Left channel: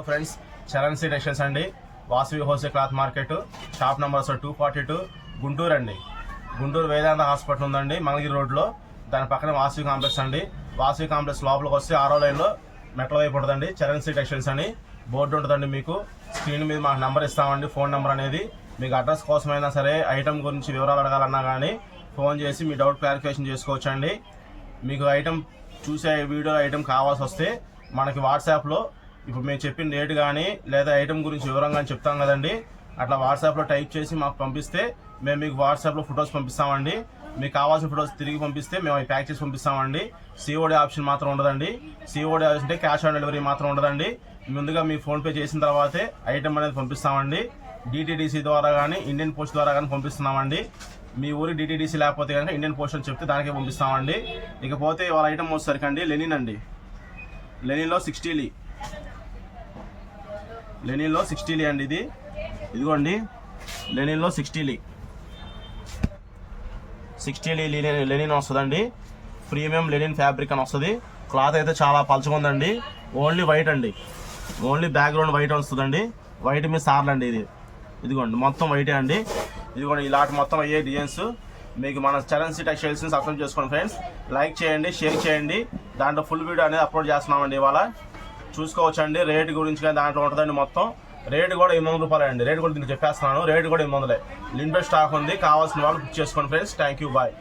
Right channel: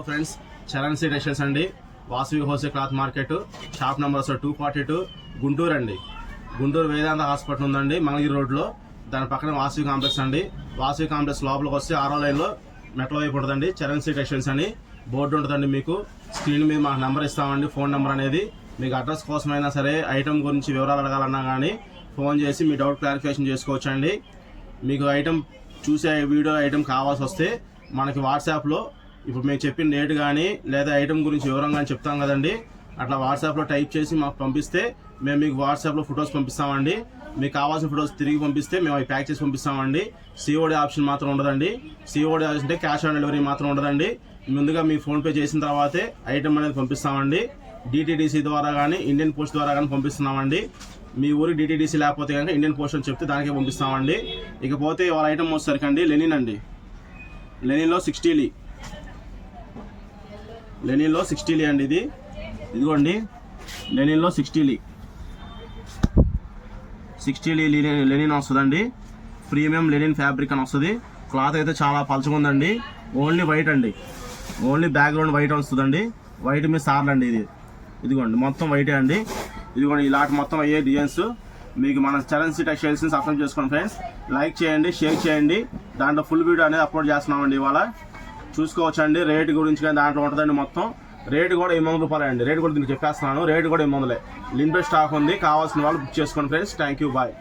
Hello friends, Charan C textiles అండి. Vasavi wholesale cloth market, shop number 242, Guntur అండి. గుంటూరు వేదాంత hospital ఉందండి మంగళగిరి రోడ్లో. దాని పక్కన వాసవి కాంప్లెక్స్ అండి. వాసవి కాంప్లెక్స్ లోపలికి వస్తే 6వ లైన్లో మెట్ల వైపు ఉంటుందండి. చరణ్ సి టెక్స్టైల్స్ అని బోర్డు ఉంటుందండి. మీకు స్క్రీన్ మీద మాకు నెంబర్ ఇస్తామండి. ఫోన్ నెంబర్ అనేది మీకు అడ్రస్ కోసమైనా సరే, ఐటమ్ గురించి వివరాలు అడగాలన్నా కానీ ఫోన్ చేసి మీ డౌట్ క్లారిఫికేషన్ చేసుకోవచ్చండి. మీకు ఐటమ్ చూసే వీడియో ఐటమ్ కావాల్సి వస్తే మనకి వాట్సాప్లో ఇప్పుడు మేము చెప్పిన రేటు కానీ లేదా ఐటమ్ గురించి వివరంగా కానీ చెప్తాం కదండి, అట్లా వాట్సాప్లో టైప్ చేసి మాకు పంపిస్తే మేము మీకు వాట్సాప్లో ఫొటోస్ పంపిస్తామండి. మీకు కావాల్సిన ఫొటోస్ తిరిగి పంపిస్తే మేము అవి ప్యాక్ చేసి పంపిస్తామండి. సిఓడి ఆప్షన్ మాత్రం ఉండదండి. సిఓడి ఆప్షన్ అంటే క్యాష్ ఆన్ డెలివరీ మాత్రం ఉండదండి. ముందుగా మీ ఫోన్పే చేసిన తర్వాతే ఐటమ్ అనేది పంపిస్తామండి. డిటీడీసీ ద్వారా కానీ ఇండియన్ పోస్ట్ ద్వారా కానీ పంపిస్తున్నామండి. మీ ఊరి డిటీడీసీ లేకపోతే కనుక ఇండియన్ పోస్ట్ అని చెప్తే దానికే పంపిస్తామండి. ఇకపోతే వాళ్ళ ఐటమ్ వచ్చేసరికండి లెనిన్ అండి. లెనిన్లో 60 లెనిన్లో 60 అండి. ఇదిగోండి లెనిన్లో 60 లెనిన్ వస్తుందండి. ప్రీమియం లెనిన్ ఫ్యాబ్రిక్ అని వస్తుంది. క్లాత్ అయితే చాలా పలుచగా ఉందండి. ఓన్లీ వైట్ అండి. ఓన్లీ బ్యాక్గ్రౌండ్ వైట్ వస్తుందండి. వైట్ మీద సార్లు అండి. ఇదిగోండి మొత్తం వైటే అండి. ఇదిగోండి ఇలాంటి మొత్తం అయ్యే డిజైన్స్ మీకు మన చరణ్ సి టెక్స్టైల్స్ సబ్స్క్రైబ్ చేసుకోండి ఫ్రెండ్స్. లైక్ చేయండి, షేర్ చేయండి. దాంట్లో ఫుల్ వీడియో అనేది అప్లోడ్ చేస్తున్నామండి. ఇవాళ చూసుకోవచ్చండి. రేటు గురించి కానీ దాంట్లో ఉంటుందండి. మొత్తం రేటు కూడా 800 రూపాయలు అండి. రేటు కూడా దీనికి చెప్పేస్తున్నాను. రేటు కూడా 800. లిమిటెడ్ స్టాక్ ఉంది. కావాల్సిన వాళ్ళు బుక్ చేసుకోండి ఫ్రెండ్స్. Thank you, bye.